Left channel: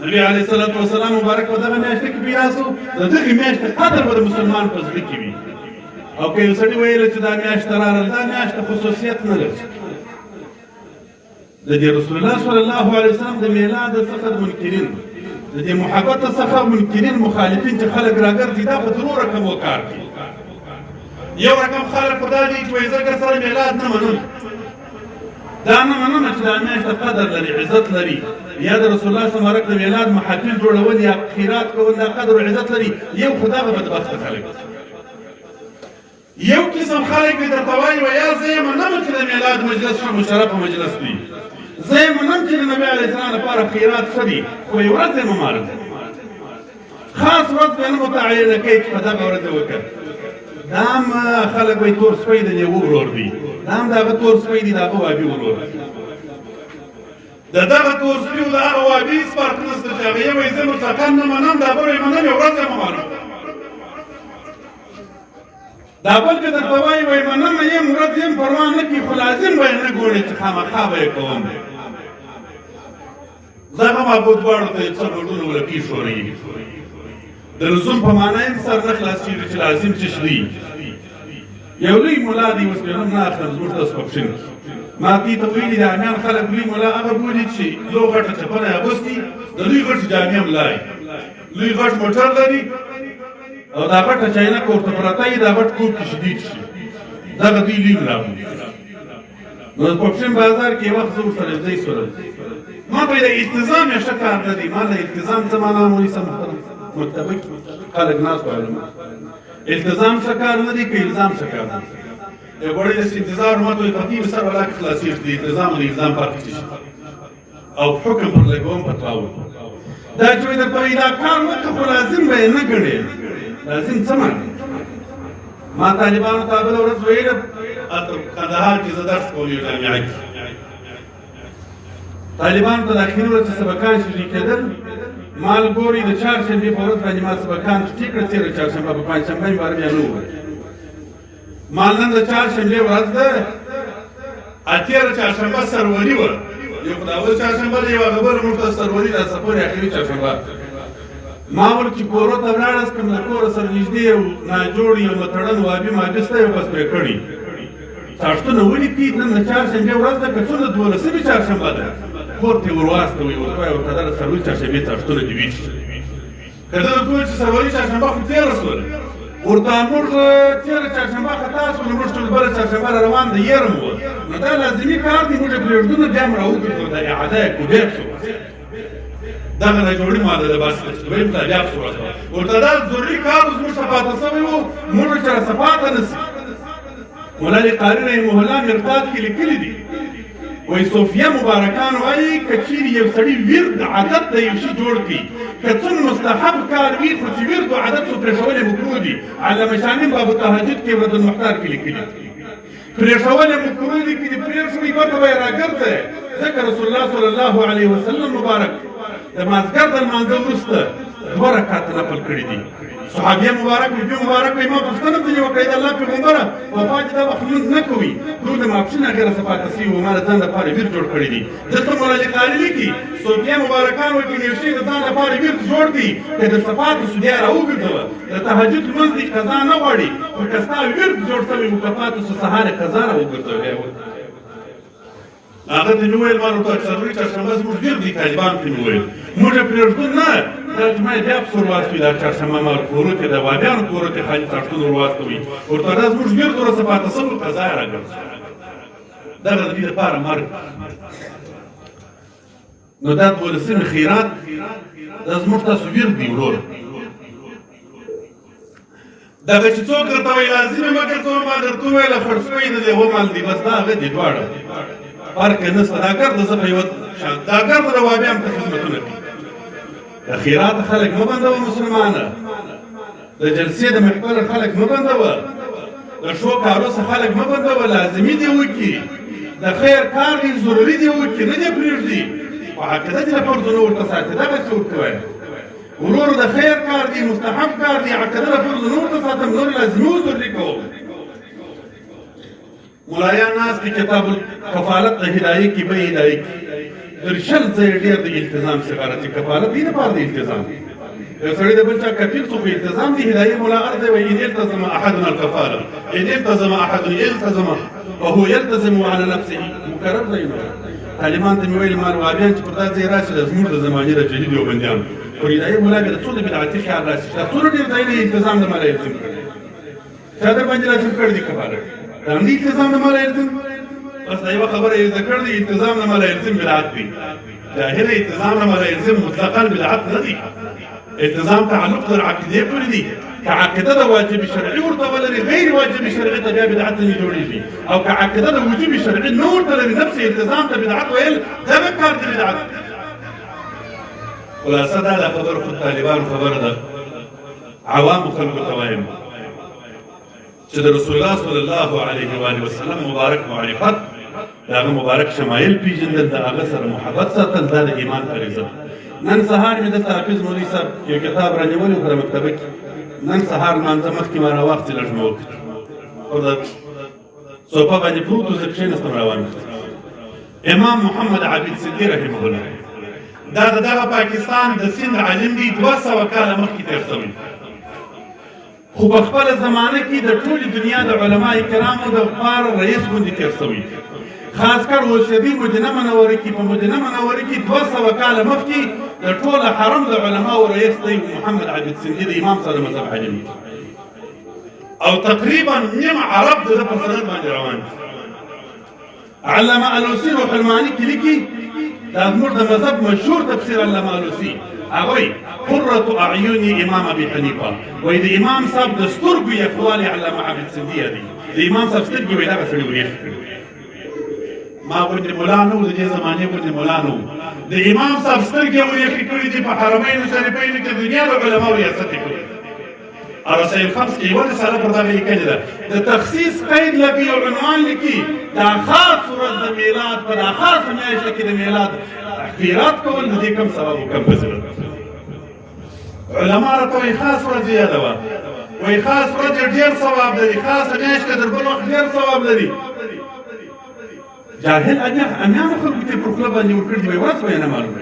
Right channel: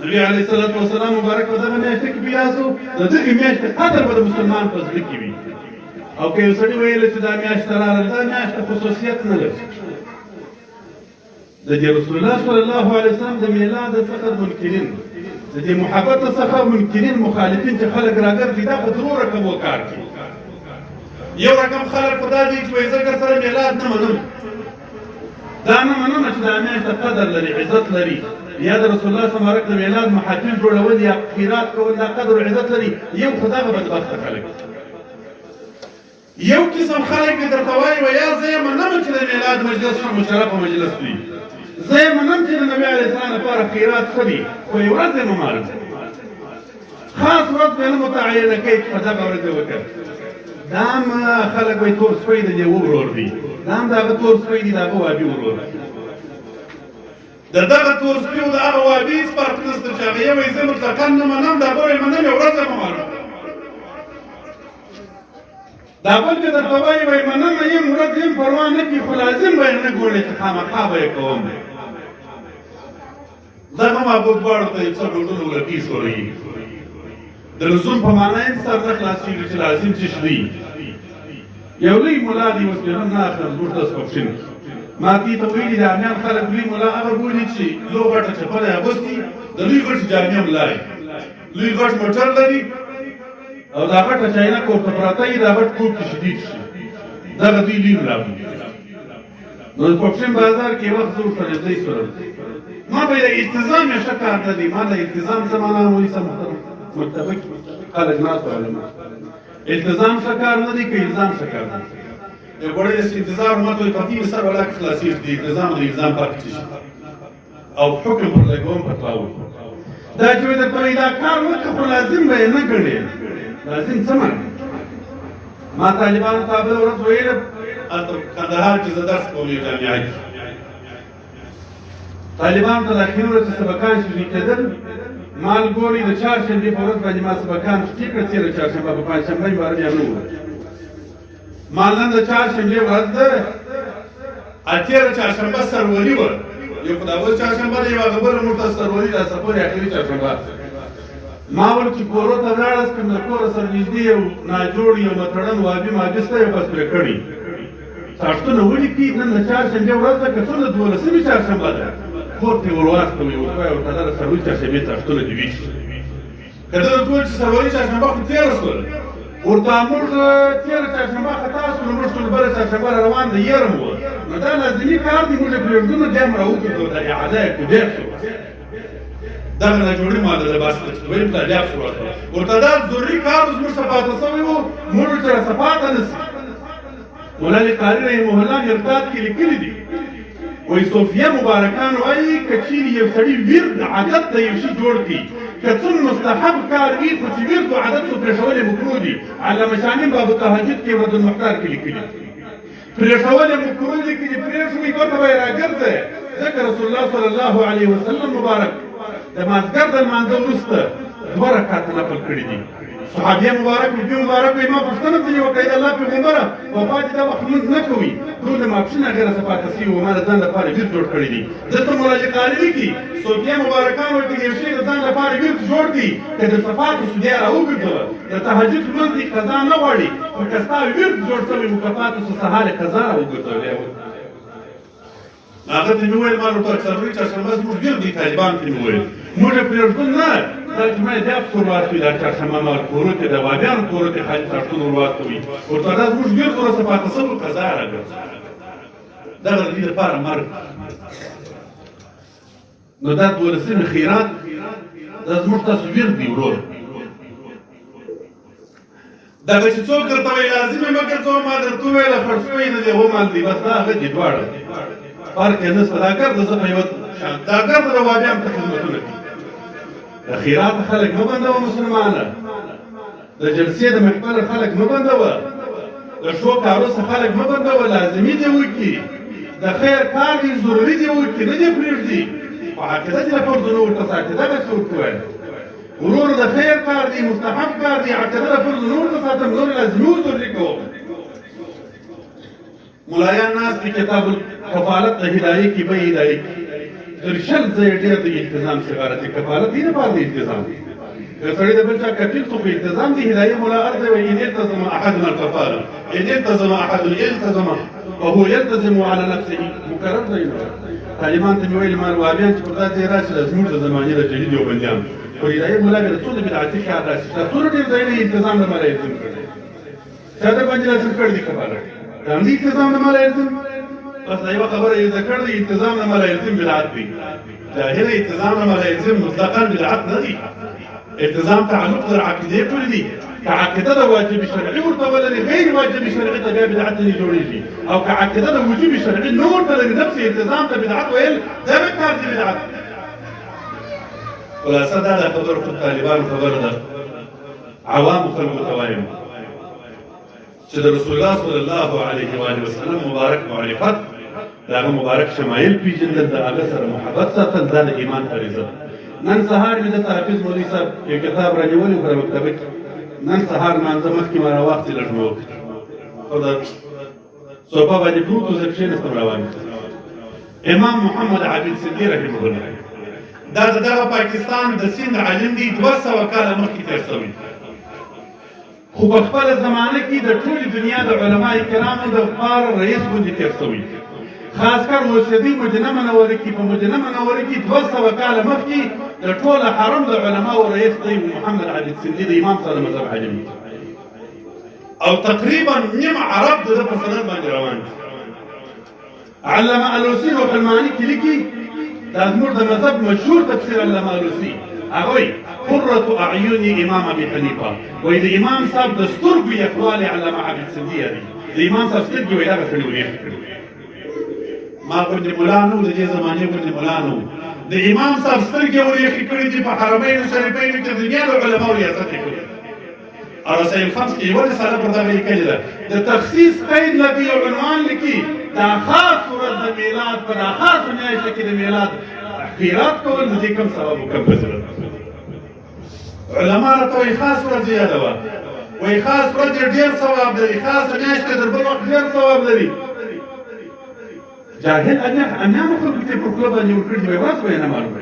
نبی علیه الصلاة والسلام مبارک په دغه میاشته کې بیا شو د دغې میاشتې قدر به د مسلمان په زړه کې وي او که یو سړي ویله چې دا میاشت راغله دا میاشت خصوصیت نه لري د دې رسول الله صلی الله علیه وسلم د میلاد څخه منکرین د دې محبت څخه منکرین مخالفین چې خلک راګرځي دا په دوه رقم وکړ یو رقم خلک خدا دې چې وایي زه سره میلاد نه منم دا نه منم چې دا میاشت قدر لري عزت لري یا د رسول الله صلی الله علیه وسلم د میلاد محافل جوړول یا خیرات کول دا قدر او عزت لري یو خدا به بدبخته خلک یو قسم خلک به درته وایي ویا زه یې منم چې د میلاد مجلس ښه مشرف مجلس وي زه یې منم چې د نبي علیه السلام لپاره خیرات ښه دي خو یو ورځ یې ممارم خاص ورځ به نه متعینه کوي چې په دغه ورځ یې وکړ دا هم خلک وایي تور سپی د یو ورور دی دا هم د هغه تور سپی دی د هغه وابي ورور د دغه تور سپي او د هغه وابي هېڅ فرق نشته چې هغه یې وایي زه مطلقا نه منم دا بل یې منم یو ورځ یې ممانم دا بل که درته وایي منم یم ورځ یم پروا نه کړي خو لازم به یې نه ګورې چې خامخا به یې کوم دغه معبود دواړو ته یې څه ډوډونه ولکي شوروي د لزوم په معنا یې سر نه خلاصېږي چې لازم څه شي یو لوی ملا دی اوس بیا هم نه اخلم زموږ ته سپکشن ما دې ته ویلي د امیان خلک لوی ملا هغه بولي چې لو غټه چپنه یې اغوستي د لوی غټ جامې هم لري لوی غټ موټر لري او دا غټه چاینکه ورته پرته وي دا غټ کور کې شدید شي دغه دوی لوی ملا بولي نو د پکشن بازار کې وخت زه ورسره ځای سره ما به د التزام یې ښه کار نه دی ما د التزام څه معنا وایي څه متفق خلک ناست علما التزام څه کار نه دی که الزام څه کار نه دی یو ګوړی داسې انتظار ماته وایي پرتې مې سر ولا کې خلاصېږي د التزام او د الزام فرق څه شي او حکم پر لګوم بدلاوي دا چې وایي درته وایي دا کار وکړه خو لازم به یې نه ګڼې لازم څه معنی ما طالبانو ته بله ورځ ویله هلته کندهار کې زه درس کوم یو جامعه کې طالبانو ته د اخري ورځې سبقان شروع کېدل ما ګوري د چهارشنبې په ورځ باندې ما سبقان شروع کړه تېره چهارشنبه په پنجشنبه مې باره بیا نه وویل ما نن د چهارشنبې ورځ ده تېره چهارشنبه سروري وه یو خو د اول چهارشنبه ده یوه خبره موږ ته سروري ده سپورې اخري چهارشنبه ما ول چې کورو ته ولاړس کړم د کوره سره نږدې یو ناجوړ یو متړن وابي ماجسته یو بس پرې کړي څاښتونه ولیکي نن د چهارشنبې ورځ ده که څومره دولسمې چهارشنبه ده کور ته یې ور واستوئ ورته وایه ورته دا سروري چهارشنبې څاښتونه دې وي که ده درته وویل چې سروري چهارشنبه خو تېره شوله ورته موږ تېره چهارشنبه خطا شولو موږ ټول بله چهارشنبه را روان د یرم وه نو دا لازمي کار دی موږ یې پرېږدو نه بیا هم راوګرځو د اعاده یې کوبیک شو دغه ناجوړي ماده د بس دویم ته بیا پسې ورته ورته دا ضروري کار اوس موږ ته پاته شوی وو موږ سره څه پاته نه شي مولانا قاري رحمه الله مرتاد کې لیکلي دي وایي صوفیه مبارکان وایي که چیرې یو سړي ورد عادت د یو شي جوړ کړي که څه مستحب کار وي خو چې ورد و عادت څو پرېښول یې مکروه دي علامه شامي باب التهجد کې ورته محتار کې لیکلي پرېښول یې مکروه دي که دې پرېښوي ګټه به یې راګرځئ ځکه رسول الله صلی الله علیه وسلم مبارک د مازدیګر د لمانځه وروسته دوه رکعته نفل کړي دي صحابیه مبارک نبي مبارک وایي ما پوښتنه ځینې وکړه د الله پیغمبره وفا چې دا وخت لمونځ نه کوي ټول د ماپښین هغې راڅه پاته شوي وو ما د ځان لپاره ورد جوړ کړی دي دلته مولانا قاري لیکي صوفیه مبارکان وایي که یو شی د ځان لپاره ورد جوړ کړي که د صفاتو شو بیا راوګرځوه د تهجد لمونځ دی قضا نه غواړي خو که ستا ورد جوړ شوی مکافاتو شو سهار یې قضا راوګرځولی هغه ته مې وویل ما ورته څلوري چهارشنبه زموږ ورد دی طالبانو کې مې وویل موږ یې پرېږدو نه دا چې ما یې بیا پسې ور واستوي دا چهارشنبه ما کورو کې د وابیانو کورو کې خالي څاښتونه ور واستوي ورته دا زموږ ورد ورسه پاته شوی قضا یې راګرځوي دغه د دې لپاره مرګ نو دا دولسمې خیرات دا زموږ تاسو ورد دی ورور دغه چې څوک درته وایي لازم یې مه ګرځوه ما درته وویله خړ شوی نه دی ومال دی بس دا هغه دي دواړه فرق یې نشته دا ګرده زه په یوه دا ګرده د وابیانو ته خدمتونه کوي د خیرات خلک مه بندوه مسلمانه د جلسې د محفل خلک مه بندوه د ښو کارو څخه خلک مه بندوه لازمي دې وکړي د خیر کار دې ضروري دې وکړي نه دې پرېږدي په عقیده دې له فرضونو ورته ساتي دغسې ورته وایه ورور د خیر کار دی مستحب کار دی عقیده له فرضونو ورته ساتم نور لازمي و ضروري کوم ملایان ناست دي کتاب الکفالت د هدایې کې به هدایې کې تر شل ځایه ډېر د التزام سفارت کفالت دې لپاره د التزام دی که سړی د بل چا کفیل څوک التزام دی هدایې ملا ارض وایي ان التزم احدنا الکفاله ان التزم احد التزم وهو يلتزم على نفسه مقرر ځای طالبان ته مې ویل ما وابیان چې پر دا ځای راشي د زموږ د زمانې د جدید یوبندیانو خو هدایې ملا بیا د څو د بدعتي خیال راشي دا څومره ډېر ځایونه التزام د مالا الزم کړی چا در باندې لازم کړی دی کفالت دا هم التزام د مالا الزم بس دا یوه خبره یې زده کړ دی التزام د مالا الزم بدعت دی ظاهره التزام د مالا الزم مطلقا بدعت نه دی التزام تعلق د عقیدې پورې دی که عقیده د واجب شرعي ورته ولري غیر واجب شرعي ته بیا بدعت نه جوړېږي او که عقیده د وجوب شرعي نه ورته لري نفس التزام ته بدعت ویل دغه کار دی بدعت خلاصه دا د خبرو خو طالبانو خبره ده عوامو خلکو ته وایم چې د رسول الله صلی الله علیه و آله وسلم مبارک معرفت د هغه مبارک شمایل پیژندل د هغه سره محبت ساتل دا د ایمان غریزه ده نن سهار مې دلته حافظ مولوي صاحب یو کتاب رانیولی کړی مکتبه کې نن سهار لمانځه مخکې ما راواخېستې لږ مې وکړ او د صوفه باندې پروت و زه کښېنستم روان امام محمد عابد سندي رحمه الله دا د دغه پاکستان د سند عالم دی 200 کاله مخکې تېر شوی خو په خپله زمانه کې د ټولې دنیا د علما کرامو د پاره رئیس غوندې تېر شوی خاص کر اوسېدی مدینه منوره کې په مدینه منوره کې 200 کاله مخکې د ټول حرم د علماو رئیس دی محمد عابد سندي د امام صاحب مذهب عالم او تقریبا نیم عرب د په سند باندې روان علامه الوسي روح المعاني کې لیکي دا زموږ د مذهب مشهور تفسیر علامه الوسي هغوی قرة اعین امام ابي حنیفه وایي د امام صاحب د سترګو یخوالی علامه عابد سندي دی د امام صاحب سترګې وایي دغه سړي وریښ کړي ما غوندې ملا نه و د دې زمانې غوندې ملا نه و د امام صاحب سترګې وریښې کړي دي په حرمین شریفینو کې د دنیا د علماو ریاست یې کړی او رسائل خمس کې یوه رساله پر دغه لیکلې ده د تخصیص قید لکه یو عنوان لیکي دا خاص ورځ د میلاد په دا خاصه میاشته کې د میلاد خیرات کول د دې کوم سبب و کوم فضیلت علما راته وایي خاص ورځ یاده وه وایي خاص ورځ ډېر ثواب لري خاصه میاشته تر بل وخت ډېر ثواب لري جاهل امیانو خلکو ته پر خوله باندې ورکړي دي وایي ورځ به یې نه معلوم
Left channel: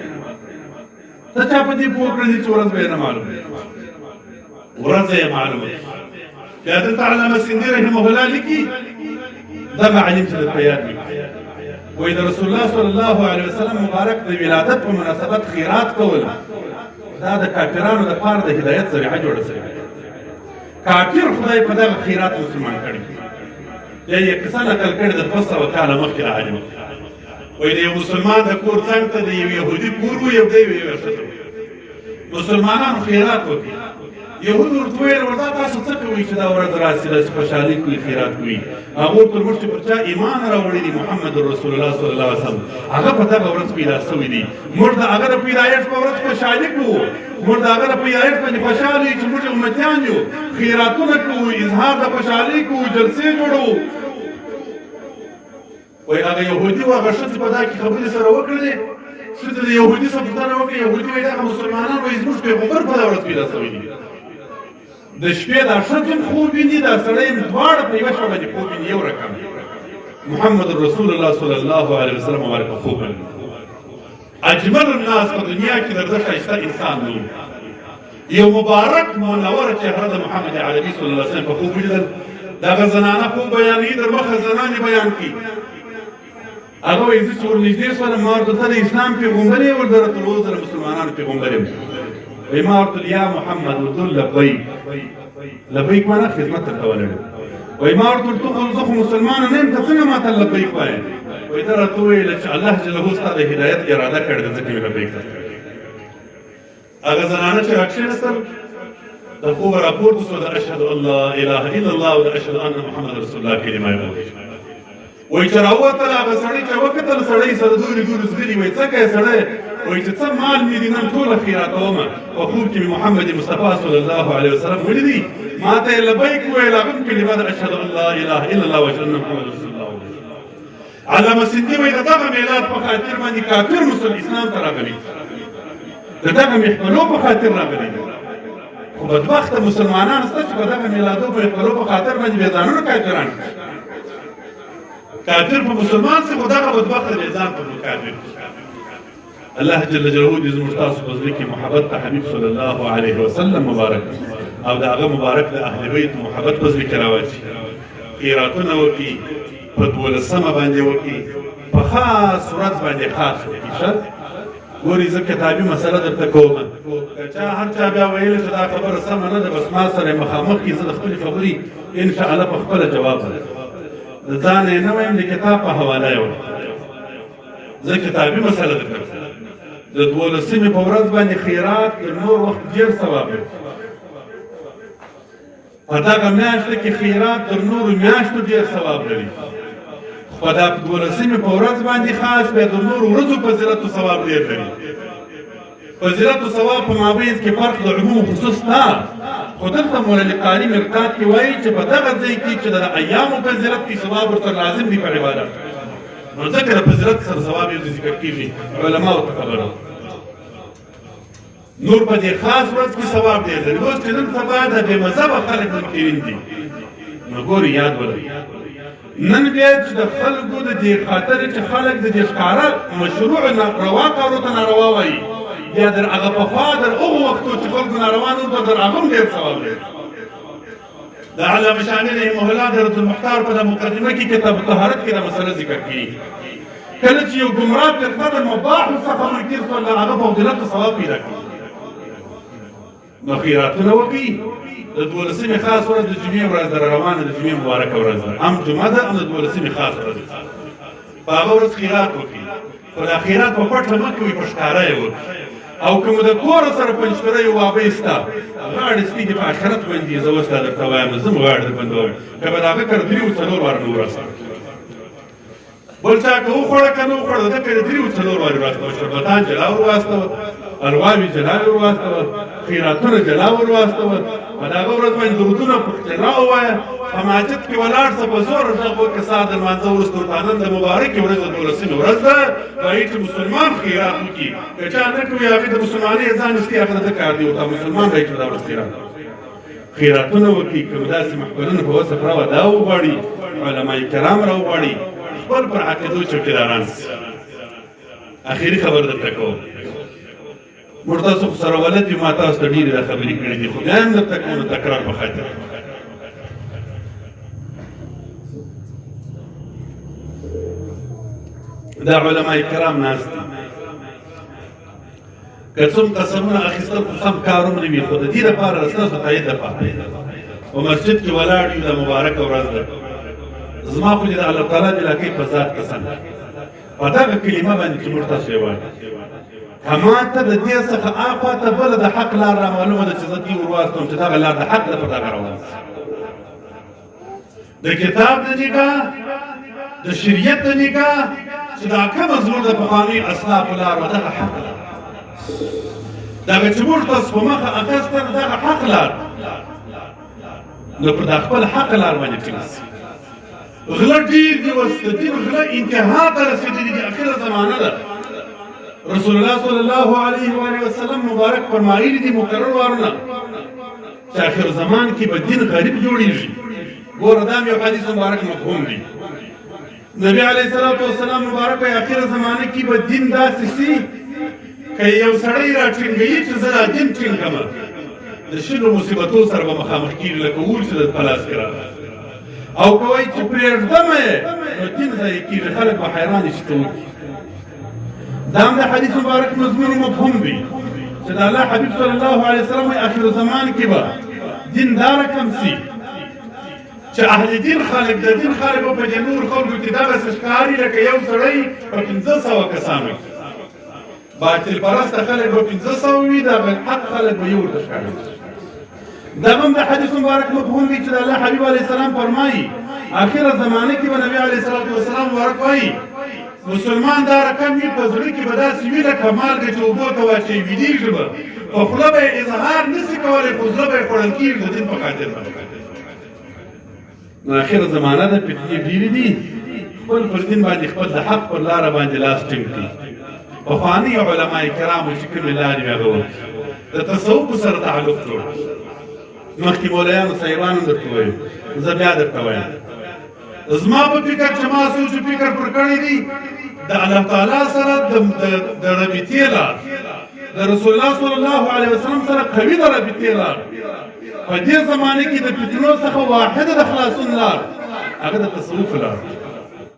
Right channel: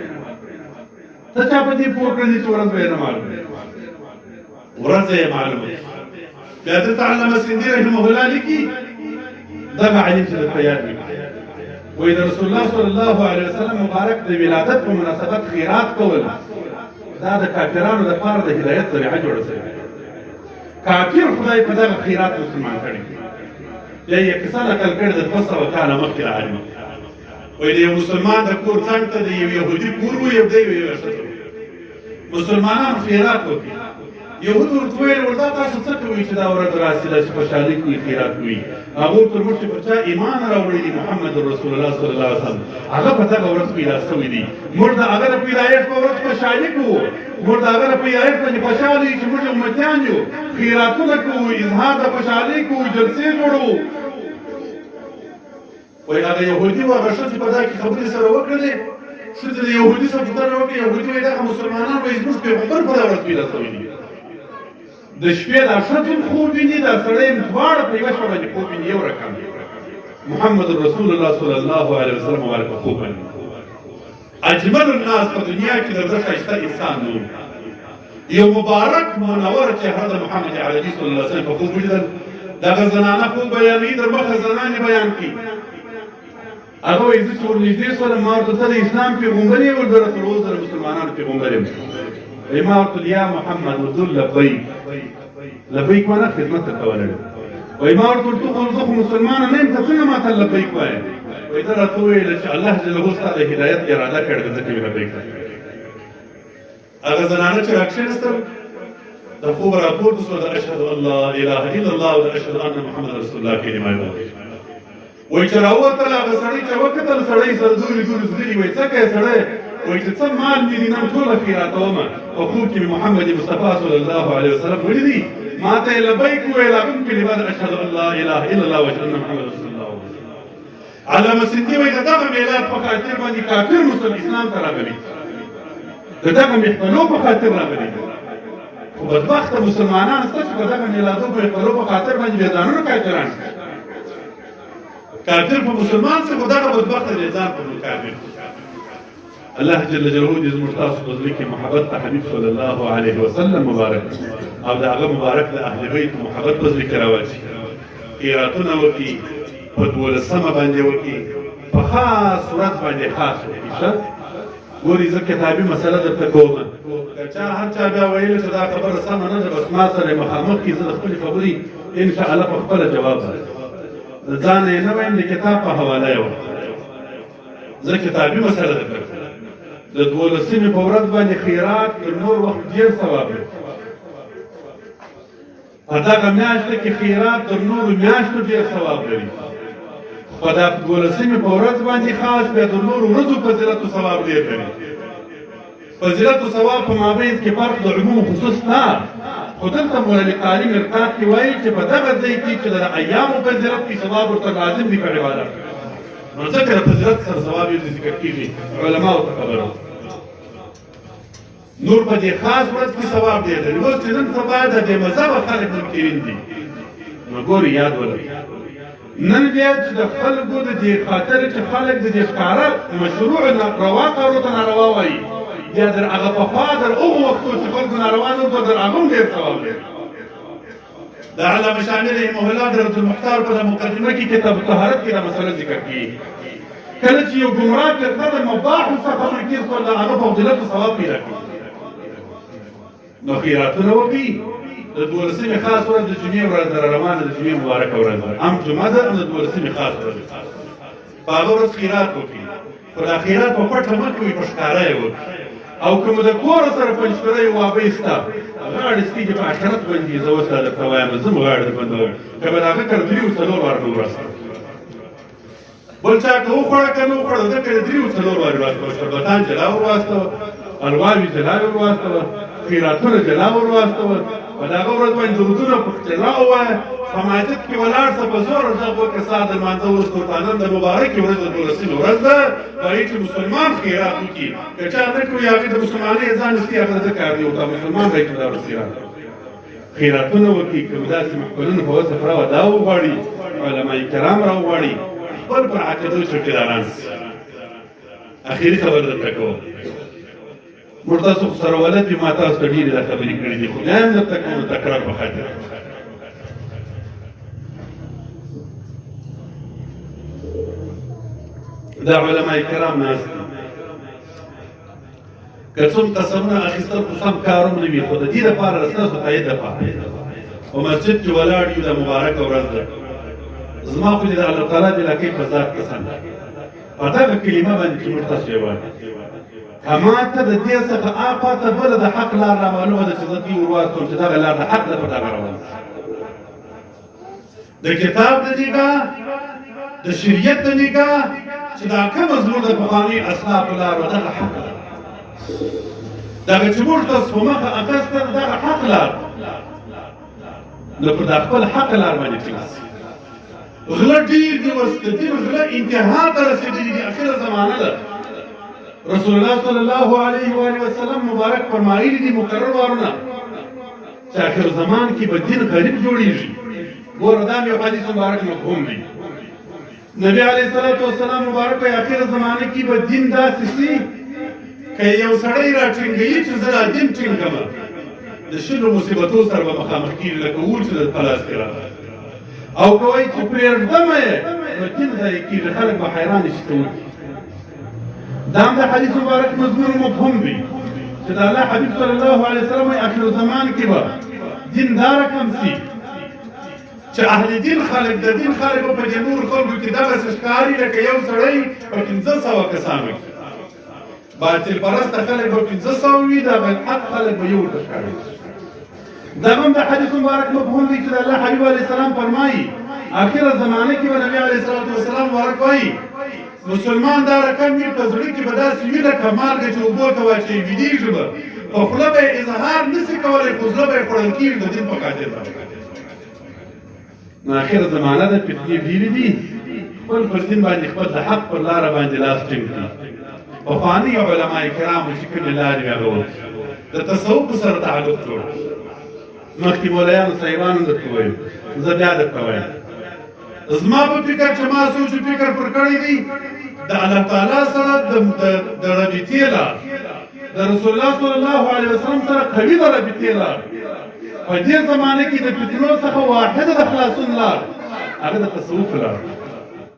ته چا په دې پوه کړی دي چې ورځ به یې نه معلوم ورځ یې معلومه بیا دلته علامه سندي رحمه الله لیکي دغه عالم چې درته یاد وي وایي د رسول الله صلی الله علیه وسلم مبارک د ولادت په مناسبت خیرات کول دا د کافرانو دپاره د هدایت ذریعه جوړه شوې کافر خدای په دغه خیرات مسلمان کړي بیا یې کیسه نقل کړې د 200 کاله مخکې عالم وایي د یو مسلمان د کور څنګ ته د یو یهودي کور و یو دی یوه ښځه مسلمانانو خیرات وکړي یهود ورته ویل ورته تاسو څه کوئ چې دا ورځ راسي داسې خوشحالي کوي خیرات کوي هغه ورته ویل موږ چې پر چا ایمان راوړی دی محمد رسول الله صلی الله علیه وسلم هغه په دغه ورځ پیدا شوي دي موږ د هغه د پیدایښت په ورځ خوشحالي کوو موږ د هغه د پیدایښت باندې خوشحاله یو چې موږ امتیان یو خیراتونه کوو اظهار د خوشحالۍ کوو جلسې جوړوو وایي هغه یهودي و هغه ښځې په دا کې خبرې سره وکړلې ښځې د یهودي سره پوښتنه وکړه یهودي وایي دغه مسلمانان وایي زموږ پیغمبر په دا ورځ پیدا شوي دي د شپې دا ښځې هم خوب ویني دا سړی هم دواړه په یوه شپه باندې خوب ویني یو رقم محمد رسول الله صلی الله علیه وسلم مبارک خوب ویني اجمل الناس په دنیا کې د ده ښایسته انسان نه یو مبارک منوره چهره د محمد عربي صلی الله علیه وسلم په خوب ولیدل دغه زنانه خوب بیانوي در مخه زنانې بیان کړي هغه وایي زه چې ورنږدې شولم ما ورته ته د اسلام پیغمبر یې ورته تر اوسه د مسلمانانو پیغمبر یم وایي ما ورته یا محمد ورته لبیک لبیک معنا خدمت ته کولی وایي ما ورته ورته وویل زه خو مسلمان نه یم ته څنګه ما ته لبیک وایې وایي ته راته وویله چې الله جل ستا د هدایت اراده کړې ده ځکه مې لبیک درته هغه زنانه چې راکښېنستل د خوب راپورته شوه د اشهد ان لا اله الا الله و اشهد ان محمد رسول الله کلمه یې وویل وایي چې راووتل هغه سړی چې وکتل سړی سره دورې دورې زغلي وایي څه کوې سړی وایي چې څه مال مې دي نن ټوله خیراتومه په خوب کې محمد مصطفی صلی الله علیه وسلم ویلي دي ما ته یې لبیک وویل هغه هم کلمه د اشهد ان لا اله الا الله و اشهد ان محمد رسول الله علامه سندي وایي د دغه میلاد په خاطر باندې کافر اسلام ته راغلي د دغه محفلو په خاطر راغلي خو بدبخته مسلمانان شته چې په دغه میلادو په محفلو په خاطر باندې بې ځانونه کافران شي کافر په مسلمان شي خو دغه بدبخته بې ځان په کافر الله جل جلاله دې زموږ تاسو په زړه کې محبت د حبیب صلی الله علیه وسلم مبارک او د هغه مبارک د اهل بیت محبت په زړه کې راواچي. قراتونه وکړي، په 12مه باندې وکړي، په خاص ورځ باندې خاص وکړي. ښه ګورې زه کتابي مسله درته کوم، که چا هر چا بیا ویل چې دا خبره سمه نه ده، بس ما سره مخامخ کړي، زه د خپلې خبرې انشاءالله په خپله جواب درکړم. د ځان یې نه وایم، د کتاب په حواله یې وایم. زه کتابي مسله درته کوم. د 12مې په ورځ باندې خیرات تر نور وخت ډېر ثواب لري. په دغه میاشته کې خیرات تر نورو میاشتو ډېر ثواب لري. په دا 12مې په ورځ باندې خاص بیا د نورو ورځو فضیلت او ثواب ډېر لري. فضیلت او ثواب په مابین کې فرق د عموم خصوص نه، خو دلته مولانا قاري مرتاد کې وایي چې په دغه ځای کې چې د ایامو فضیلت کې ثواب ورته لازم دی په عبادت. نو ځکه د فضیلت سره ثواب یې ذکر کېږي، علماو ته خبره. نور په دې خاص ورځ کې ثواب ډېر لري. اوس چې نن سبا د بې مذهبه خلک منکرین دي، نو ګورې یاد ولرئ نن بیا چې د خلکو د دې خاطر چې خلک د دې ښکاره مشروع روا کارو ته ناروا وایي، بیا در هغه پخوا در هغو وختو چې خلکو ناروا نه وو در هغه هم ډېر ثواب لري. د علامه شامل رحمه الله د رد المختار په مقدمه کې کتاب طهارت کې دا مسله ذکر کړي. کله چې یو ګمراه فرقه د مباحو څخه منکر شول، د هغه فضیلت او ثواب پیدا کړي. نو خیراتونه وکړي. د 12مې خاص ورځ د جمعې ورځ ده، روانه د جمعې مبارکه ورځ ده، هم جمعه ده، د 12مې خاص ورځ ده. په هغه ورځ خیرات وکړي، خو دا خیرات په پټه مه کوئ، په ښکاره یې وکړي. او که مو د کوره سره پنجپره یې وابۍ سته، غاړې سپېږي په آخرت باندې. زه اوس دا درته وایم، زه هم غاړې در بندوم، که به د هغه کره 3-4 واره نه ورسوم. بل چا که وخوړه که نه وخوړه، ده کره 3-4 وارې واستوه. شربتان جلا ور واستوه، الواوې جلا ور واستوه، خیراتونه جلا ور واستوه. په دغه ورځ باندې درودونه جلا ووایه. په مسجد کې ولاړ شه، په زور غږ وکړه سهار د لمانځه وروسته ورته نن د مبارکې ورځ د 12مې ورځ ده، په هغې چې مسلمان خیرات وکړي. که چا نه کوي هغې د مسلمانۍ ځان ایستي، هغه د کار دی، ورته مسلمان به یې چې دا ورځ خیرات خیراتونه وکړي. که داسې محفلونه په وسه راوه دا وغواړي، علما کرام راوغواړي، خپل پر عقیدو چوکیداران شي. اخري خبر درته کوم، موږ تاسو سره ولد یو، ما تاسو ته ډېرې دا خبرې کړې دي، خو بیا هم درته کوم د تکرار په خاطر. دا علما کرام ناست دي، که څوم قسمونه اخیستل خو سم کار هم نه وي، خو د دې دپاره ستاسو تایید دپاره په مسجد کې ولاړ یو، دا مبارکه ورځ ده. زما خو دې د الله تعالی د علاقې په ذات قسم په دغه کلمه باندې چې موږ تاسو یې وایو، ما ته د دې څخه آفاته بله د حق لار رامعلومه ده چې زه دې ور واستوم چې دغه لار د حق ده، په دغه روان د کتاب د نګاه، د شریعت د نګاه، چې دا کومه زموږ د پخواني اسلافو لار وه، دغه حق لار، دغه چې موږ تاسو په مخه اخیسته دغه حق لار. نو پر دا خپل حق لار باندې ټینګ شي. غله ډېر دي، اوس د دین غله انتها ته رسېدلي دي، اخره زمانه ده. رسول الله صلی الله علیه و آله وسلم مبارک فرمایلی دي مقرر وارونه چې اخر زمان کې به دین غریب جوړیږي. ګوره دا یو حدیث مبارک مفهوم دی. نبی علیه الصلاة والسلام مبارک په اخر زمانه کې به دین داسې شي که یو سړی راټینګوي چې زه دا دین ټینګم، د شلو مصیبتو سره به مخامخ کېږي لکه اور چې د پلاس کې راغلی. او که وایي چې پرېږدم یې نو دین ضایع کېږي، خلک به حیرانه شي ته وکړي. دا هم د حدیث مبارک مضمون مفهوم دی چې د الله حبیب صلی الله علیه وسلم اخر زمان کې به دین دا رقم شي چې اهل دین خلک د دین خلک به په دې نورو خلکو کې دغسې ښکاري لکه یو سړی په 1500 کسانو کې. باطل پرسته خلک به 500 وي، د حق خلک به یو ورته ښکاري. دا هم د حدیث مبارک مفهوم دی چې د الله حبیب علیه السلام فرمایي اخر زمانه کې به نبی علیه الصلاة والسلام ورک وایي مسلمان دا رقم وي، په زړه کې به داسې وي لکه مالګه چې اوبو ته واچوي، ویدېږي به، په خوله به یې اظهار نه شي کولی، خو زړه به یې خوړل کېږي د دین په خاطر باندې. نو اخره زمانه ده، فتنې ډېرې دي، خپل پر دین باندې خپل د حق پر لاره باندې لاس ټینګ کړي. پخواني علما کرامو چې کومې لارې هغه وکړي، د تصوف سره تعلق جوړ کړي. مخکې مولایانو صاحبانو درته ویل، زه بیا درته وایم، زما په فکر چې ما سوچ فکر پر کړی دی، د الله تعالی سره د رابطې لار، د رسول الله صلی الله علیه وسلم سره قوي د رابطې لار. په دې زمانه کې د فتنو څخه واحده د خلاصون لار هغه د تصوف لار.